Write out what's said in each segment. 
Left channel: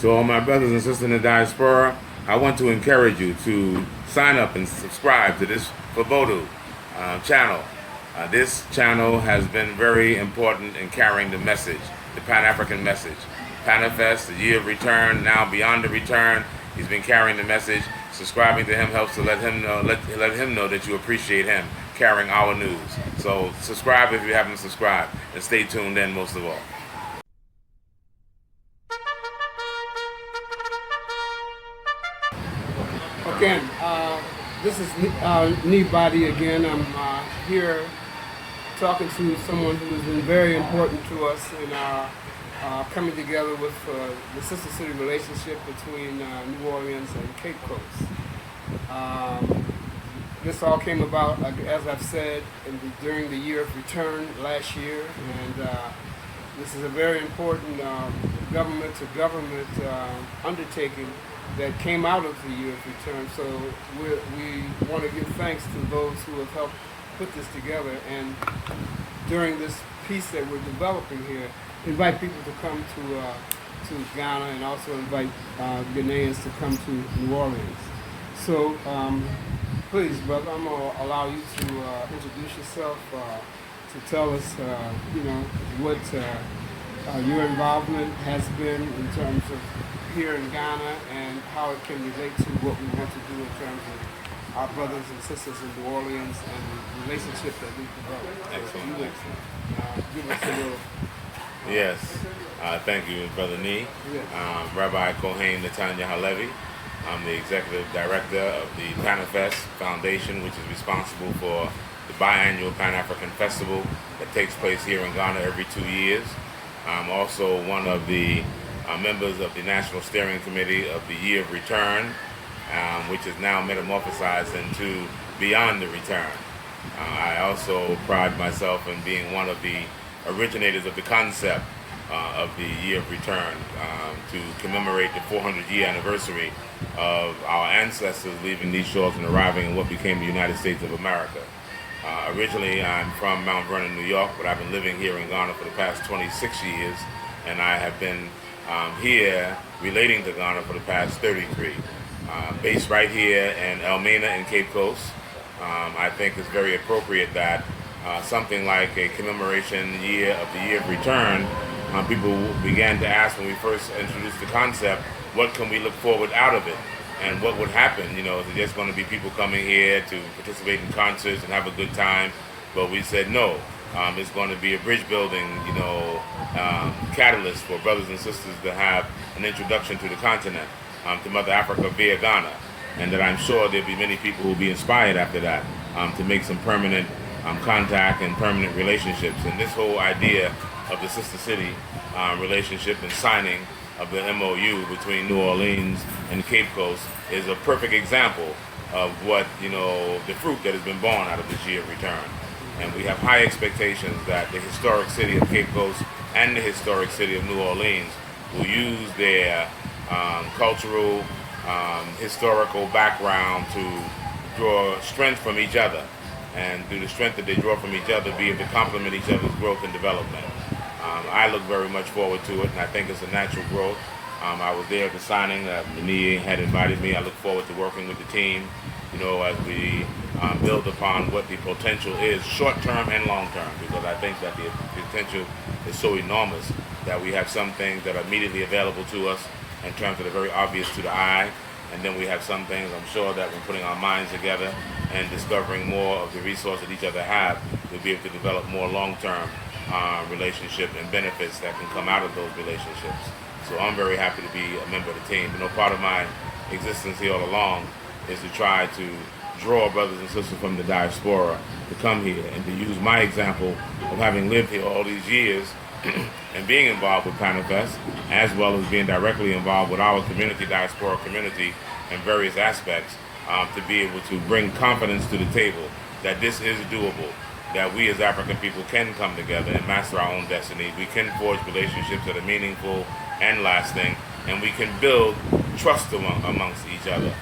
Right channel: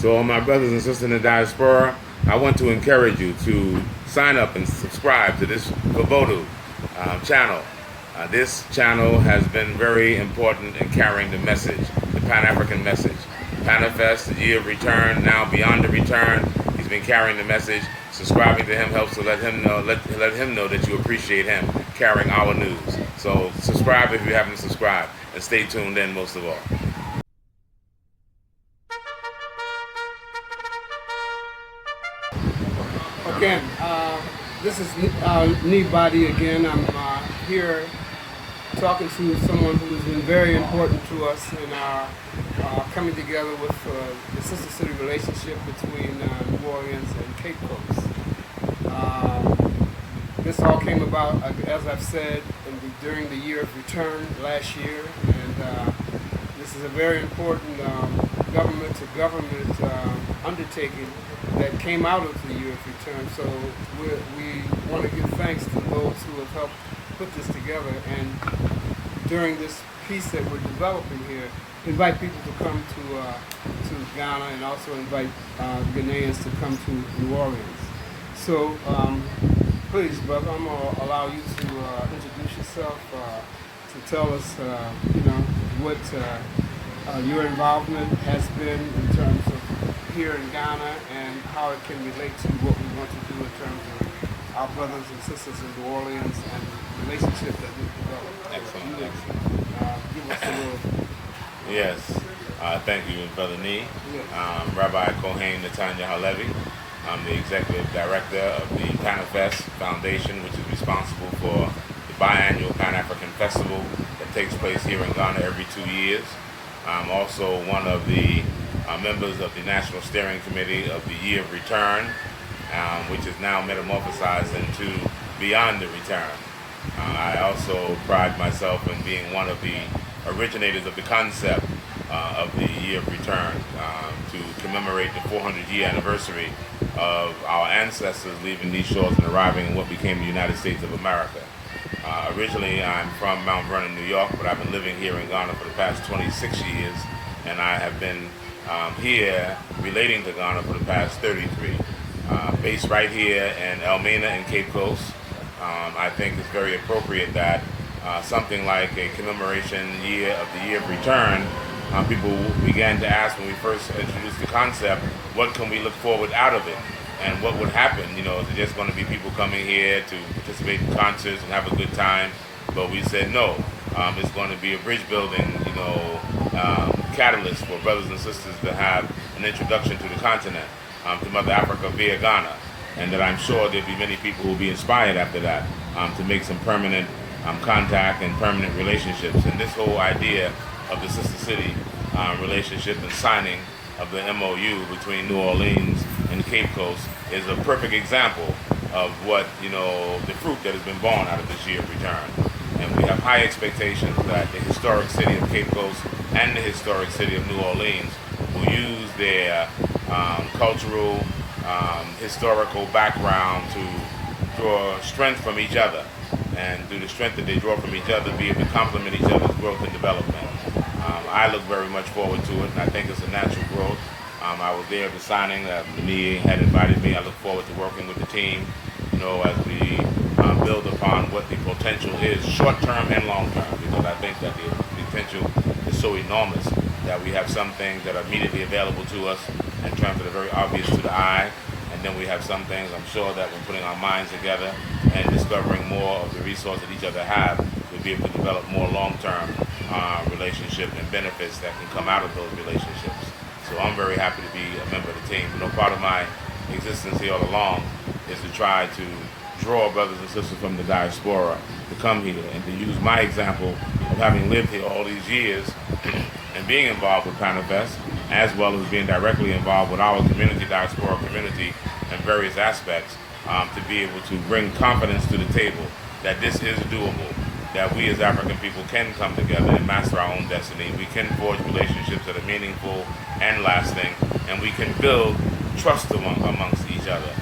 To all my brothers and sisters in the diaspora, I want to encourage you to sign up and subscribe to this Voodoo channel. This channel has been very important in carrying the message, the Pan-African message. Panafest, the year of return, now beyond the return. He's been carrying the message. Subscribing to him helps to let him know that you appreciate him carrying our news. So subscribe if you haven't subscribed, and stay tuned in most of all. Again, this is Badi again. I'm here talking to someone who has been very important to us in our coming together with the sister city relationship between New Orleans and Cape Coast. This all came about, as I've said, during the year of return last year, and this is a very important government-to-government undertaking that came out of the year of return. So we want to give thanks to those who have helped put this together, and during this piece that we're developing here, invite people to come to Ghana, and also invite Ghanaians to come to New Orleans. So please, brother, I'm going to allow you to introduce yourself, to tell us, what your involvement has been in terms of here in Ghana, and how it can relate to what we want to do in terms of our brothers and sisters in New Orleans and the relationship that we've developed. Excellent. Give us a little... Yes. Thank you, Brother Nee. Yes. Rabbi Kohian Halevi. I'm the executive director of the Panafest Foundation, which is responsible for the biannual Pan-African Festival that takes place here in Ghana every 2 years. I'm also one of the members of the National Steering Committee of the Year of Return, which is now metamorphosized into Beyond the Return. I also pride myself in being one of the originators of the concept of the Year of Return to commemorate the 400-year anniversary of our ancestors leaving these shores and arriving in what became the United States of America. Originally, I'm from Mount Vernon, New York, but I've been living here in Ghana for the past 26 years, and I have been here relating to Ghana for the past 33. Based right here in Elmina and Cape Coast, I think it's very appropriate that something like a commemoration year of the Year of Return, people began to ask when we first introduced the concept, what can we look forward out of it? And what would happen? Is it just going to be people coming here to participate in concerts and have a good time? But we said no. It's going to be a bridge building, catalyst for brothers and sisters to have an introduction to the continent, to Mother Africa via Ghana. And that I'm sure there'll be many people who will be inspired after that to make some permanent contact and permanent relationships. And this whole idea of the Sister City relationship and signing of the MOU between New Orleans and Cape Coast is a perfect example of what, the fruit that has been born out of this year of return. And we have high expectations that the historic city of Cape Coast and the historic city of New Orleans will use their cultural, historical background to draw strength from each other, and through the strength that they draw from each other, be able to complement each other's growth and development. I look very much forward to it, and I think it's a natural growth. I was there at the signing. Badi had invited me. I look forward to working with the team, as we build upon what the potential is, short-term and long-term, because I think that the potential is so enormous that we have some things that are immediately available to us in terms that are very obvious to the eye, and then we have some things I'm sure that when putting our minds together and discovering more of the resources that each other have, we'll be able to develop more long-term relationship and benefits that can come out of those relationships. So I'm very happy to be a member of the team. Part of my existence here all along is to try to draw brothers and sisters from the diaspora to come here and to use my example of having lived here all these years and being involved with Panafest, as well as being directly involved with our community, diaspora community, in various aspects, to be able to bring confidence to the table that this is doable, that we as African people can come together and master our own destiny. We can forge relationships that are meaningful and lasting, and we can build trust amongst each other.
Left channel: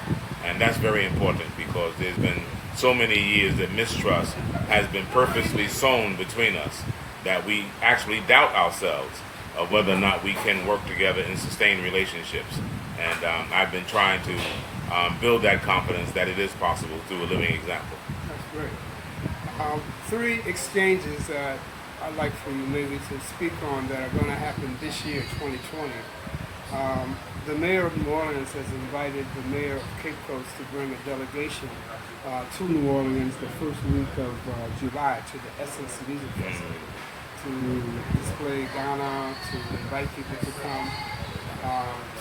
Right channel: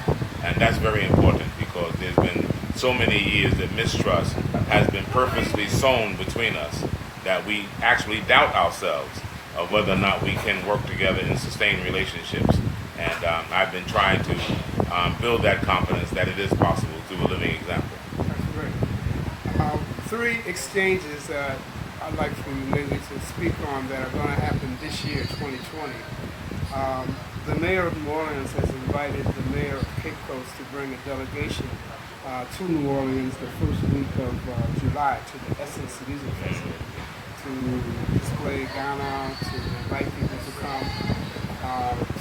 And that's very important, because there's been so many years that mistrust has been purposely sown between us that we actually doubt ourselves of whether or not we can work together and sustain relationships. And I've been trying to build that confidence that it is possible through a living example. That's great. 3 exchanges that I'd like for you maybe to speak on that are going to happen this year, 2020. The mayor of New Orleans has invited the mayor of Cape Coast to bring a delegation to New Orleans the first week of July to the Essence Music Festival to display Ghana, to invite people to come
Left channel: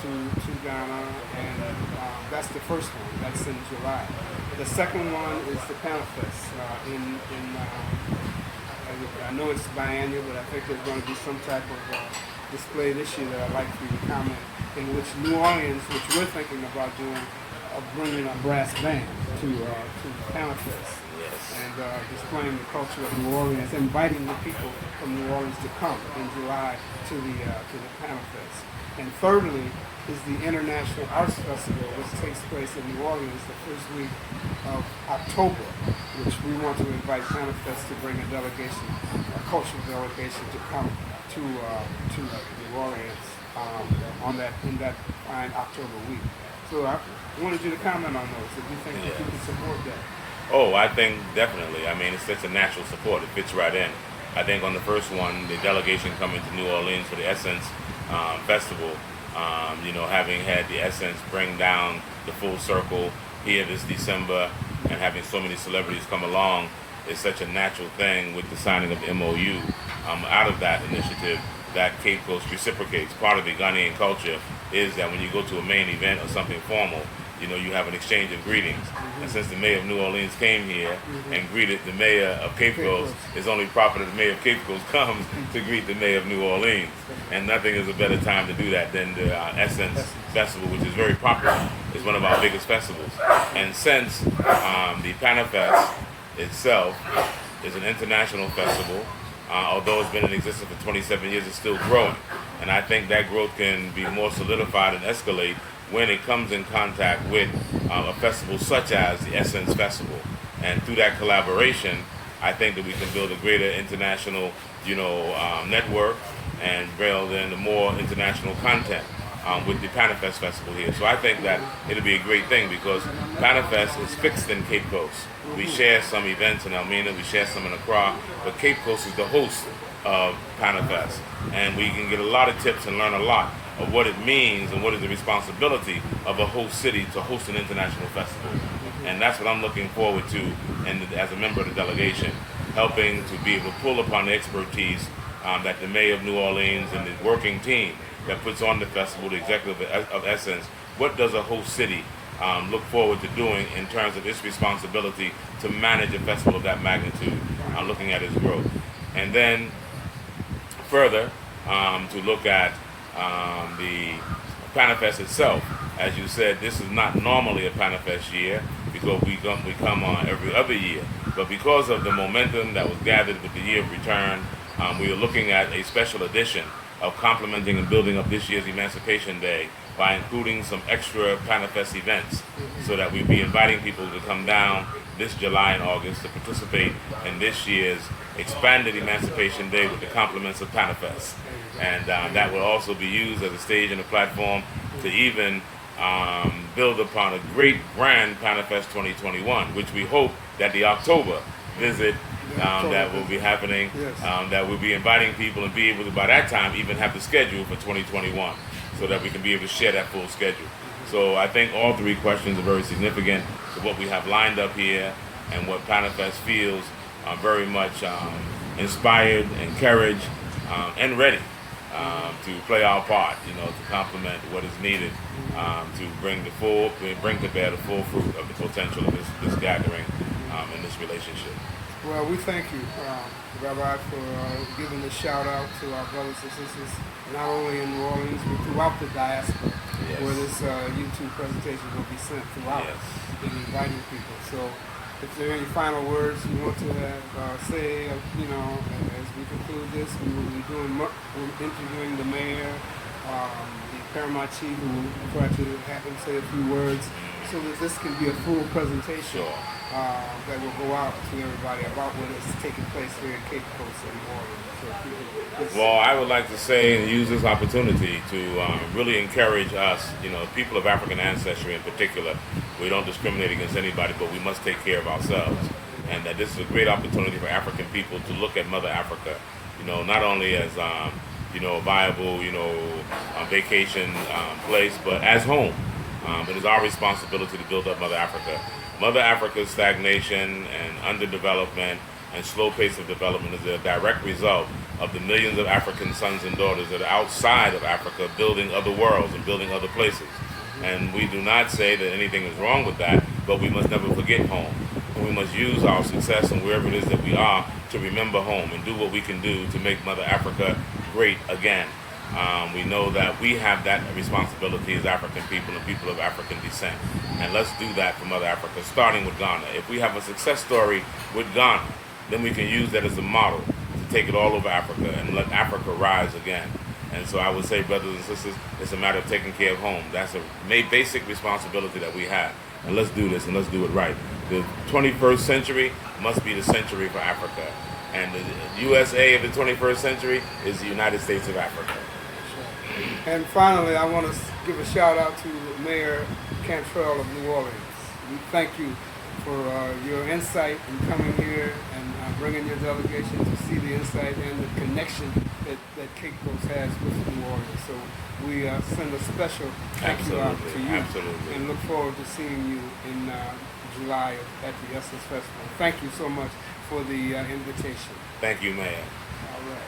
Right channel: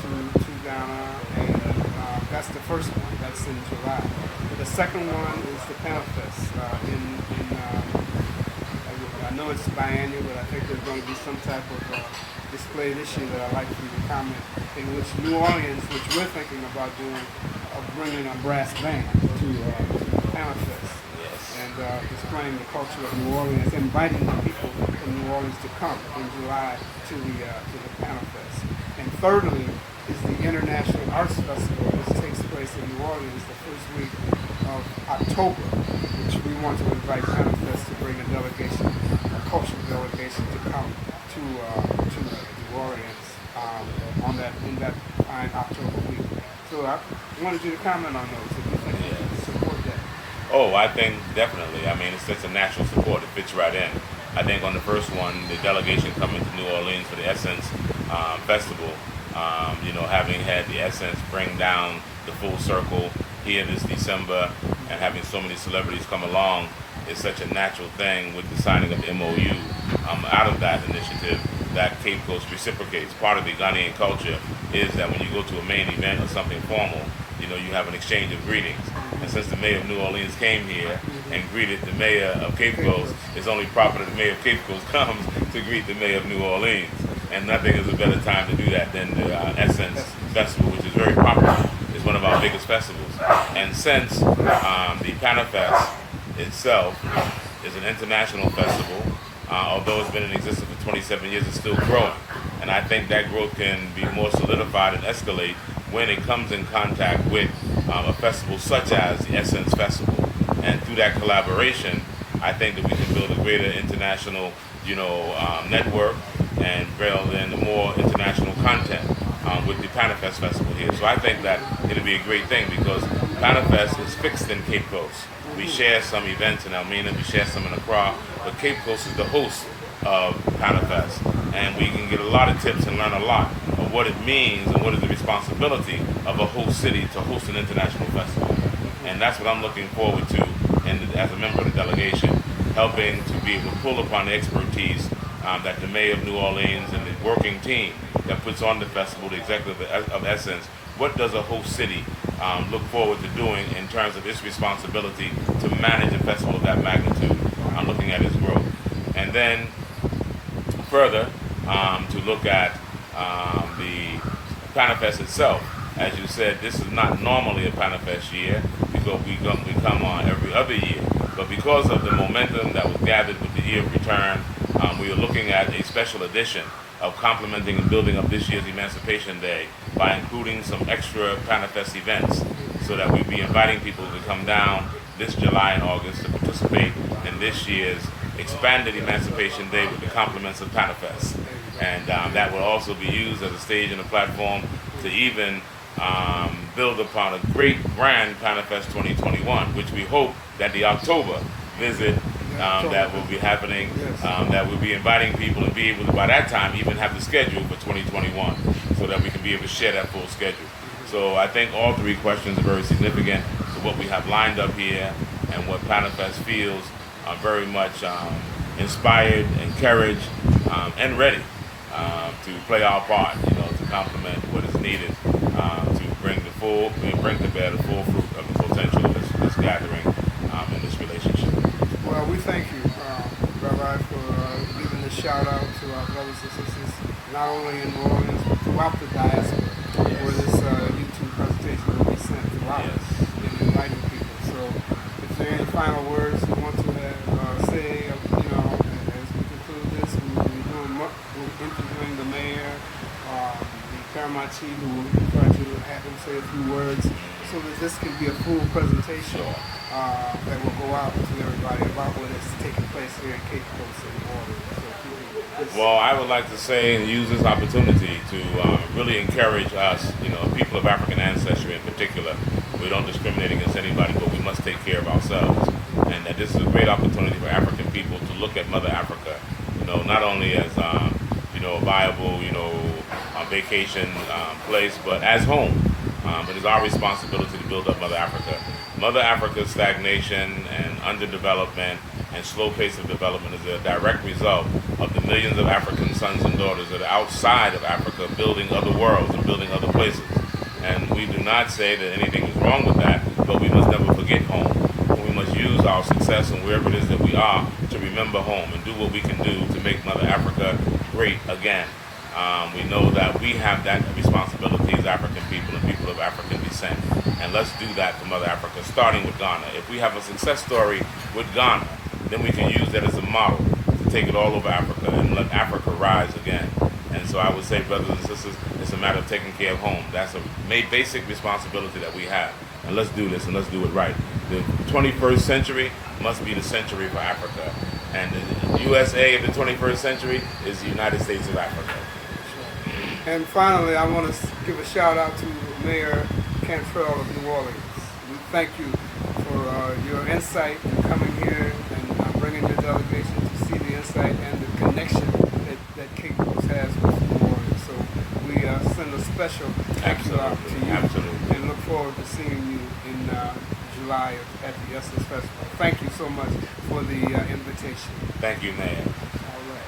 to Ghana, and that's the first one. That's in July. The second one is the Panafest. I know it's biannual, but I think there's going to be some type of display this year that I'd like for you to comment, in which New Orleans, which we're thinking about doing, bringing a brass band to Panafest. And displaying the culture of New Orleans, inviting the people from New Orleans to come in July to the Panafest. And thirdly is the International Arts Festival, which takes place in New Orleans the first week of October, which we want to invite Panafest to bring a delegation, a cultural delegation, to come to New Orleans in that fine October week. So I wanted you to comment on those, if you think you can support that. Oh, I think definitely. I mean, it's a natural support. It fits right in. I think on the first one, the delegation coming to New Orleans for the Essence Festival, having had the Essence bring down the full circle here this December and having so many celebrities come along is such a natural thing with the signing of the MOU out of that initiative that Cape Coast reciprocates. Part of the Ghanaian culture is that when you go to a main event or something formal, you have an exchange of greetings. And since the mayor of New Orleans came here and greeted the mayor of Cape Coast, it's only proper that the mayor of Cape Coast comes to greet the mayor of New Orleans. And nothing is a better time to do that than the Essence Festival, which is very popular. It's one of our biggest festivals. And since the Panafest itself is an international festival, although it's been in existence for 27 years, it's still growing. And I think that growth can be more solidified and escalate when it comes in contact with a festival such as the Essence Festival. And through that collaboration, I think that we can build a greater international, network and build in more international content with the Panafest Festival here. So I think that it'll be a great thing because Panafest is fixed in Cape Coast. We share some events in Elmina, we share some in Accra, but Cape Coast is the host of Panafest. And we can get a lot of tips and learn a lot of what it means and what is the responsibility of a host city to host an international festival. And that's what I'm looking forward to, and as a member of the delegation, helping to be able to pull upon the expertise that the mayor of New Orleans and the working team that puts on the festival, the executive of Essence. What does a host city look forward to doing in terms of its responsibility to manage a festival of that magnitude, looking at its growth? And then further, to look at the Panafest itself. As you said, this is not normally a Panafest year because we come on every other year. But because of the momentum that was gathered with the year of return, we are looking at a special edition of complementing and building up this year's Emancipation Day by including some extra Panafest events so that we'll be inviting people to come down this July and August to participate in this year's expanded Emancipation Day with the compliments of Panafest. And that will also be used as a stage and a platform to even build upon a great grand Panafest 2021, which we hope that the October visit that will be happening, that we'll be inviting people and be able to, by that time, even have the schedule for 2021 so that we can be able to share that full schedule. So I think all 3 questions are very significant to what we have lined up here and what Panafest feels very much inspired, encouraged, and ready to play our part, to complement what is needed to bring to bear the full fruit of the potential of this gathering in this relationship. Well, we thank you, Rabbi, for giving this shout out to our brothers and sisters, not only in New Orleans, but throughout the diaspora, where this YouTube presentation will be sent throughout, and inviting people. So, if there are any final words you want to say, as we conclude this, we're interviewing the mayor, the paramount chief, who will try to have him say a few words, so that this can be a full presentation. Sure. that will go out to everybody about what is taking place here in Cape Coast and New Orleans. So if you can just- Well, I would like to say and use this opportunity to really encourage us, people of African ancestry in particular. We don't discriminate against anybody, but we must take care of ourselves. And that this is a great opportunity for African people to look at Mother Africa, not only as, a viable, vacation place, but as home. It is our responsibility to build up Mother Africa. Mother Africa's stagnation and underdevelopment and slow pace of development is a direct result of the millions of African sons and daughters that are outside of Africa building other worlds and building other places. And we do not say that anything is wrong with that, but we must never forget home. And we must use our success and wherever it is that we are to remember home and do what we can do to make Mother Africa great again. We know that we have that responsibility as African people and people of African descent. And let's do that for Mother Africa, starting with Ghana. If we have a success story with Ghana, then we can use that as a model to take it all over Africa and let Africa rise again. And so I would say, brothers and sisters, it's a matter of taking care of home. That's a basic responsibility that we have. And let's do this, and let's do it right. The 21st century must be the century for Africa. And the USA of the 21st century is the United States of Africa. And finally, I want to give a shout out to Mayor Cantrell of New Orleans. We thank you for your insight in coming here and bringing your delegation to see the insight and the connection that Cape Coast has with New Orleans. So we send a special thank you out to you. Absolutely. And look forward to seeing you in July at the Essence Festival. Thank you so much for the invitation. Thank you, Mayor. All right.